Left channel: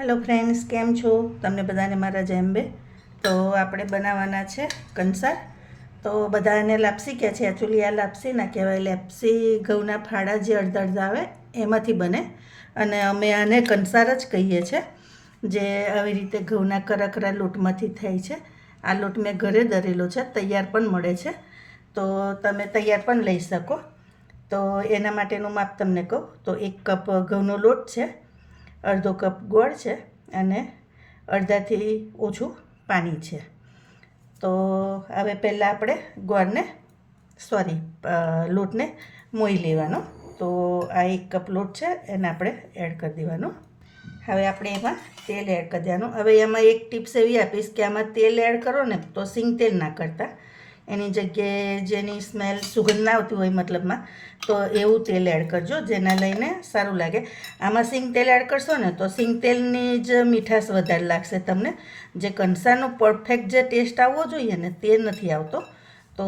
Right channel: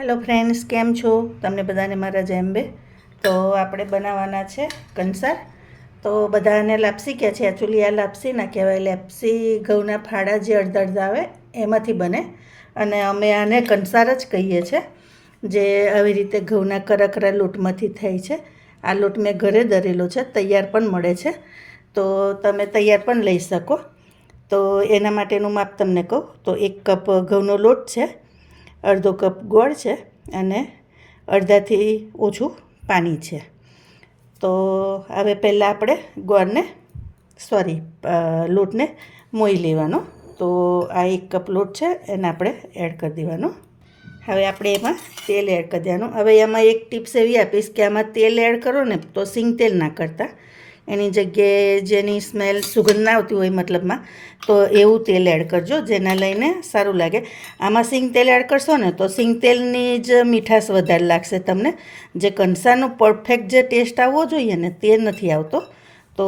Hello friends કેમ છો? તમને બધાને મારા જેમ્બે તો આપણે બનાવવાના છે કંસાર. તો બધાને લાપસી કહે છે? એકચ્યુઅલી આ લાપસી ના કહેવાય. લાપસી ઘઉંના ફાડા જે અડધા અડધા આવે, એમાંથી બને. અને અમે આને કંસાર જ કહીએ છીએ જે આવી રીતે ઘઉંના કરકરા લોટમાંથી થાય છે. આ લોટ મેં ઘરે દરેલો છે, તૈયાર પણ મળે છે. તો તમે તૈયાર પણ લઈ શકો. તો એના માટેનું માપ તમને કહું. તો એક કપ ઘઉંનો લોટ છે અડધો કપ ગોળ છે અને અડધાથી ઓછું પાણી છે. તો હવે પહેલાં આપણે ગોળને સોરી લોટને મોઈ લેવાનો. તો આ એક કપ લોટ છે, એને આપણે એડ કરી દેવાનો. હવે આપણે એમાં તેલ એડ કરી દેવાનું. હવે એમાં એક ટિપ્સ એવી આપીશ કે આમાં તેલ એડ કરો ને તો સિંગ તેલ ના કરતા. એની જગ્યાએ જેની સ્મેલ સુગંધ ના આવતી હોય મતલબમાં, તો એવું તેલ એડ કરજો, જેના લઈને સારું લાગે. આમાં સિંગ તેલ એડ કરશો ને, તો સિંગ તેલની જ મીઠાશ વધારે લાગશે તમને. જે કંસારનો પરફેક્ટ જે ટેસ્ટ આવવો જોઈએ ને, તે નથી આવતો. તો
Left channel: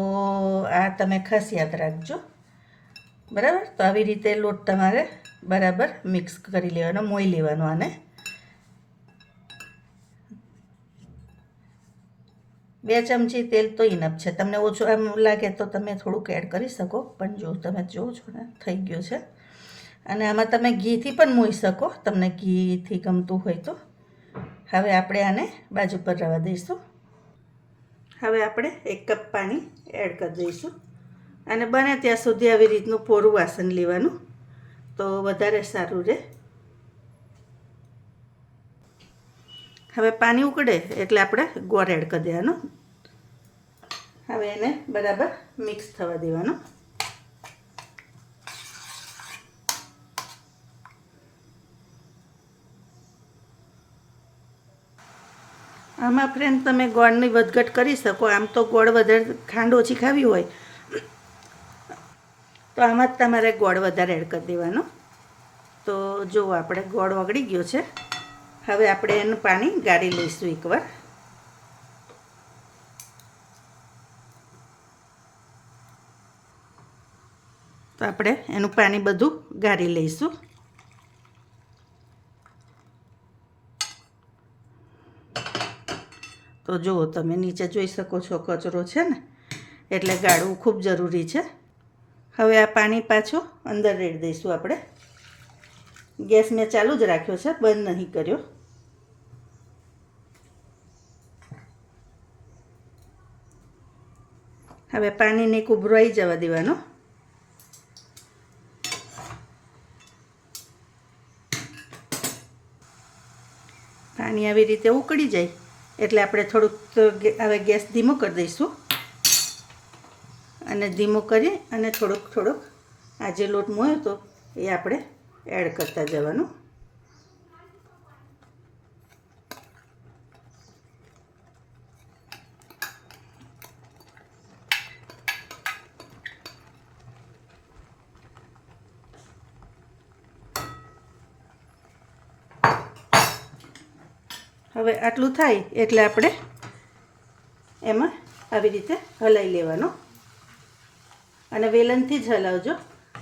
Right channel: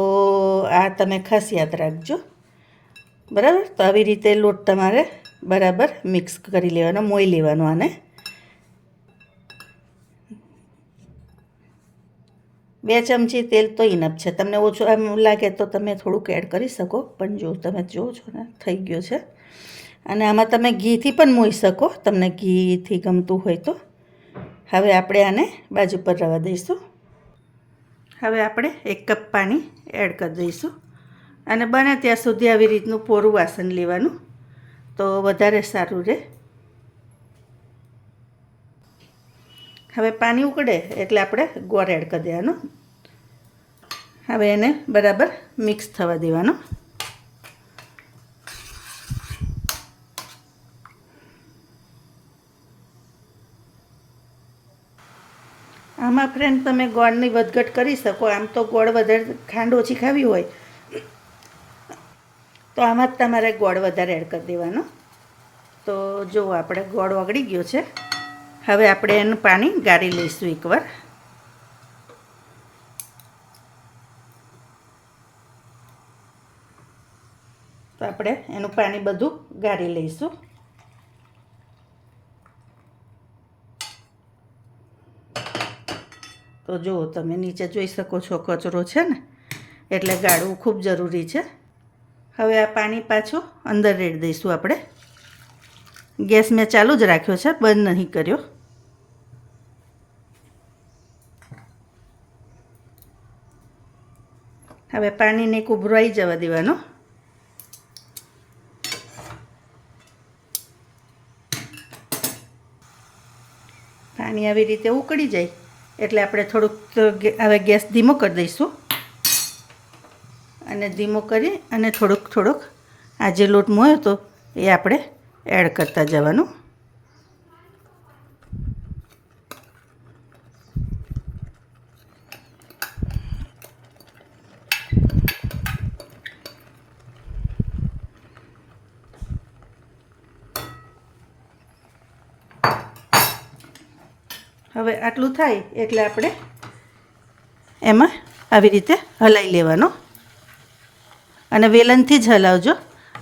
આ તમે ખાસ યાદ રાખજો. બરાબર? તો આવી રીતે લોટ તમારે બરાબર મિક્સ કરી લેવાનો, મોઈ લેવાનો આને. બે ચમચી તેલ તો ઇનફ છે. તમને ઓછું એમ લાગે તો તમે થોડુંક એડ કરી શકો, પણ જો તમે જુઓ છો ને, થઈ ગયો છે. અને આમાં તમે ઘીથી પણ મોઈ શકો, તમને ઘીથી ગમતું હોય તો. હવે આપણે આને બાજુ પર રવા દઈશું. હવે આપણે એક કપ પાણી એડ કરી દઈશું. અને બને ત્યાં સુધી આવી રીતનું પોરું વાસણ લેવાનું. તો વધારે સારું રહે. હવે પાણી ઉકળે એટલે આપણે ગોળ એડ કરી દેવાનો. હવે એને બરાબર મિક્સ થવા દેવાનો. આમાં ફ્રેન્ડ તમે ગોળની વધઘટ કરી શકો. આમ તો ગોળ વધારે ખાંડ ઓછી ખાવી હોય. તો આમાં જ તમારે ગોળ વધારે એડ કરી દેવાનો. તો જો આપણે ગોળ ઓગળી ગયો છે. હવે આપણે એનું પાણી ગાળી લઈશું એકવાર. તો આપણે એનું પાણી બધું ગાળી લઈશું. તો જુઓ તમે નીચે જોઈ શકો છો કચરો છે ને, એટલે ગાળવું ખૂબ જરૂરી છે. હવે આ પાણી પાછું અંદર રેડી દઈશું આપણે. ગેસ મેં ચાલુ જ રાખ્યો છે, બંધ નહીં કર્યો. હવે પાણીને કુભરાઈ જવા દેવાનું. પાણી આવી રીતે ઉકળી જાય. એટલે આપણે થોડુંક હવે ગેસ ધીમો કરી દઈશું. અને ધીમો કરી અને થોડુંક થોડુંક આ જે લોટ મોયો હતો એ આપણે એડ કરતા જવાનું. હવે આટલું થાય એટલે આપણે એમાં આવી રીતે હલાવી લેવાનો. અને વેલણથી જ હલાવજો.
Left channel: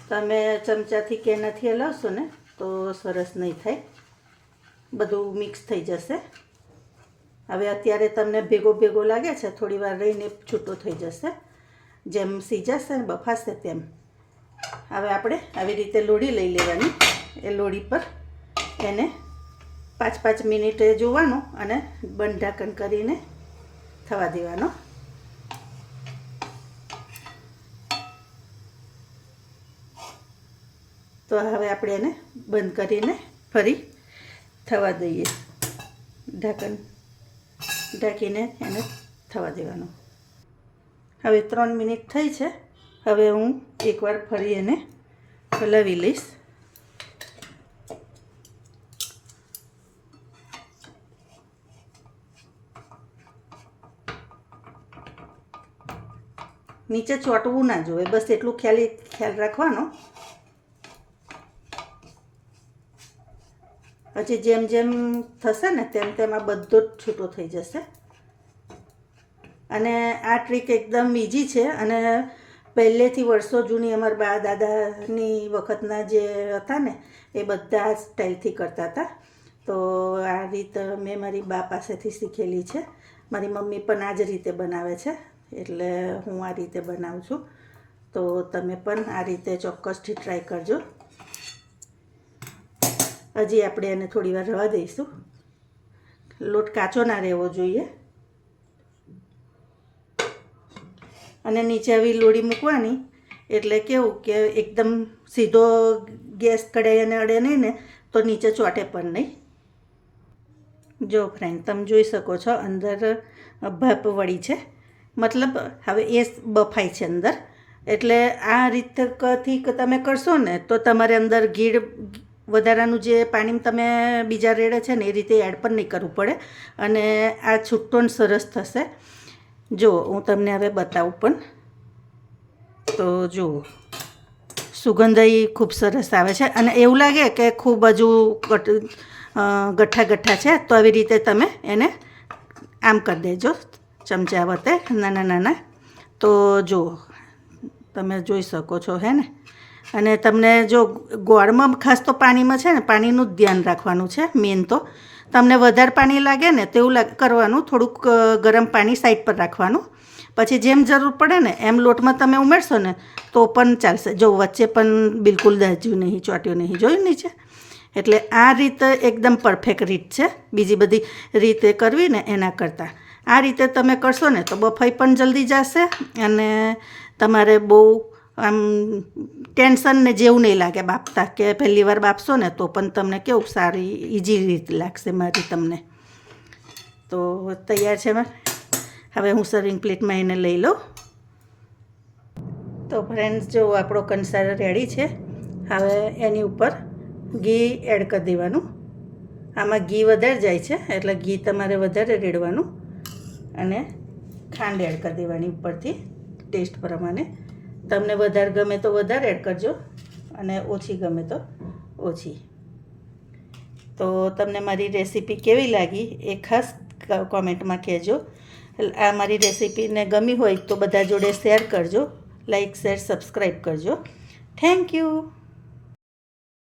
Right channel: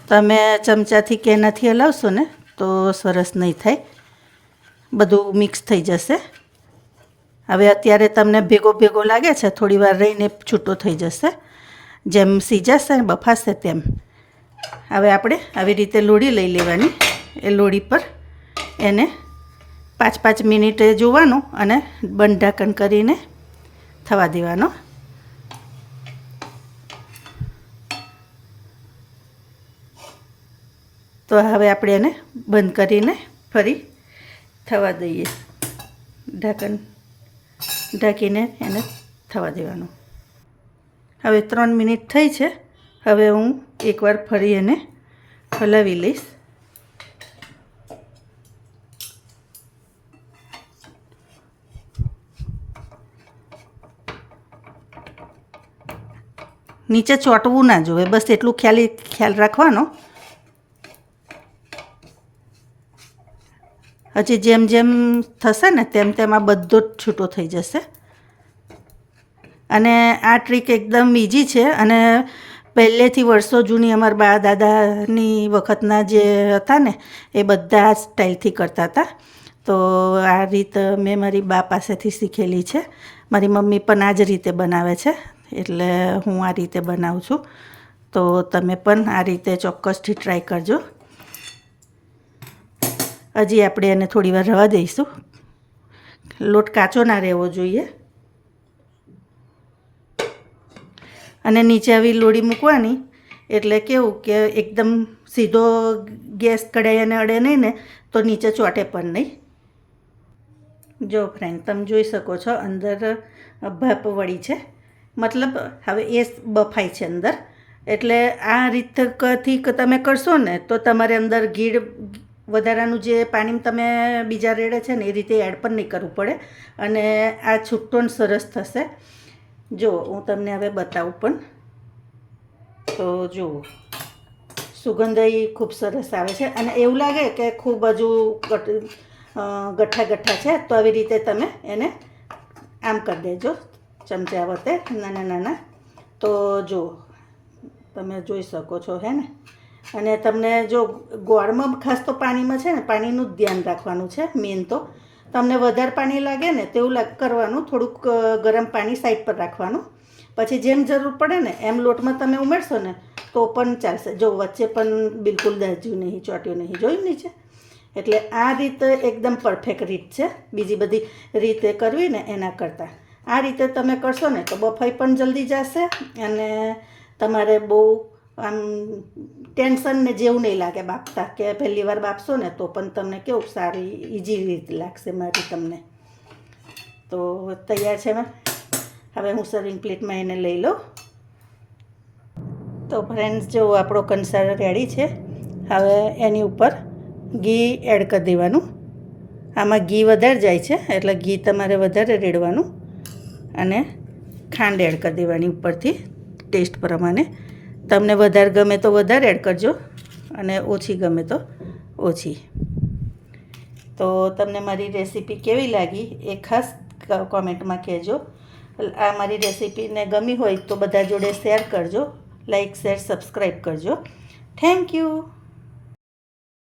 તમે ચમચાથી કે એનાથી હલાવશો ને, તો સરસ નહીં થાય. બધું મિક્સ થઈ જશે. હવે અત્યારે તમને ભેગો ભેગો લાગે છે, થોડી વાર રહીને છૂટો થઈ જશે. જેમ સીજાશે બફાશે તેમ. હવે આપણે આવી રીતે લોડી લઈ લેવાની. એ લોડી પર એને પાંચ પાંચ મિનિટે જોવાનું અને બંધ ઢાંકણ કરીને થવા દેવાનો. તો હવે આપણે એને બંધ કરીને ફરી થવા દઈએ. ઢાંકણ ઢાંકીને એને થવા દેવાનું. હવે ત્રણ મિનિટ થઈ છે. હવે હું એકવાર ફરી એને હલાવી લઈશ. નીચે ચોંટવું ના જોઈએ. બસ એટલું ખ્યાલી, ખ્યાલ રાખવાનો. હજી જેમ જેમ થશે ને તેમ તેમ આ બધો જ છૂટો થઈ જશે. અને આ ટ્રીક એકદમ ઇઝી છે અને પહેલેથી વર્ષો જૂની અમારા બા દાદાની વખતના જે હતા ને, એ બધા સ્ટાઇલથી કરતા હતા. તો આ રીત મેં મારી બા પાસેથી શીખેલી છે. મારી મમ્મી પણ આ જ રીતે બનાવે છે. એટલે હું આ રીતે બનાવું છું. તો તમે પણ આ રીતે ચોક્કસથી ટ્રાય કરજો. હજી આપણે એને થોડી વાર રવા દઈશું. લોટ કાચો ના રહેવો જોઈએ. અને નીચે આવી લોડી મૂકવાની. એટલે કેવું કે એકદમ સીધો ગેસ કઢાઈ અને અડે નહીં ને, તો નીચે ચોટે પણ નહીં. જો ફ્રેન્ડ તમે જોઈ શકો છો અંદર ભાપ વળી છે. મતલબ હવે એ બફાય છે અંદર. એટલે આ રીતથી તમે કરશો ને, તો તમારે અંદર ગીળ વધારાનું જે પાણી તમે બીજા રેડે છે ને, એ રીતે એડ પણ નહીં કરવું પડે. અને આ છૂટો સરસ થશે. જો, હું તમને હવે બતાવું પણ. તો જુઓ. સુગંધ ખૂબ સરસ આવે છે. અને એવું લાગે કે ખૂબ હજુ ગઠ્ઠા ગઠ્ઠા છે, તો આવી રીતે તમે એને આમ કરી દેજો. ચમચા વતે, નાના નાના. તો જુઓ તમે જોઈ શકો છો, હે ને? અને તમને જો ગોળમાં ખાસ તો પાણીમાં છે ને, પાણીનું જ ધ્યાન રાખવાનું છે, મેન તો. તમને વધારે પાણી લાગે ને, તેવું કરવાનું, થોડુંક ગરમ પાણી સાઈડ પર રાખવાનું. પછી જેમ જરૂર પડે ને, એમ લોટમાં તમે ઉમેરશો ને, તો પણ ચાલશે. જો વચ્ચે પણ બિલકુલ દાજ્યું નહીં, ચોટ્યું નહીં, જોયું નીચે એટલે આ રીત એકદમ પરફેક્ટ રીત છે. બીજી બધી રીતે કરવી ને એના કરતાં. આ રીતે તમે કરશો ને તો બફાઈ પણ જલ્દી જશે અને તમારે બહુ આમ ટેન્શન ને જેવું નહીં લાગે બાપતા કે પહેલી વાર બાપશો ને તો પણ તમને કેવું સારી ઇઝી રીત લાગશે મારી તમને. તો તૈયાર છે હવે હું સર્વિંગ પ્લેટમાં એને લઈ લઉં. તો ફ્રેન્ડ્સ જો આપણો કંસાર રેડી છે, હવે એની ઉપર ઘી એડ કરી દેવાનું. આમાં ઘી વધારે જાય છે, એટલે ઘી તમારે વધારે રેડવાનું. અને ખાંડ એડ કરી દેવાની ઉપરથી ટેસ્ટ પ્રમાણે. તમને વધારે ગમે તો વધારે એડ કરજો અને ઓછી ગમે તો ઓછી. તો તમને મારી રેસીપી કેવી લાગી એ ખાસ કોમેન્ટમાં કહેજો. આ મારી રેસીપીને ગમી હોય તો બધા જોડે શેર કરજો લાઈક શેર સબસ્ક્રાઈબ કરજો. Thank you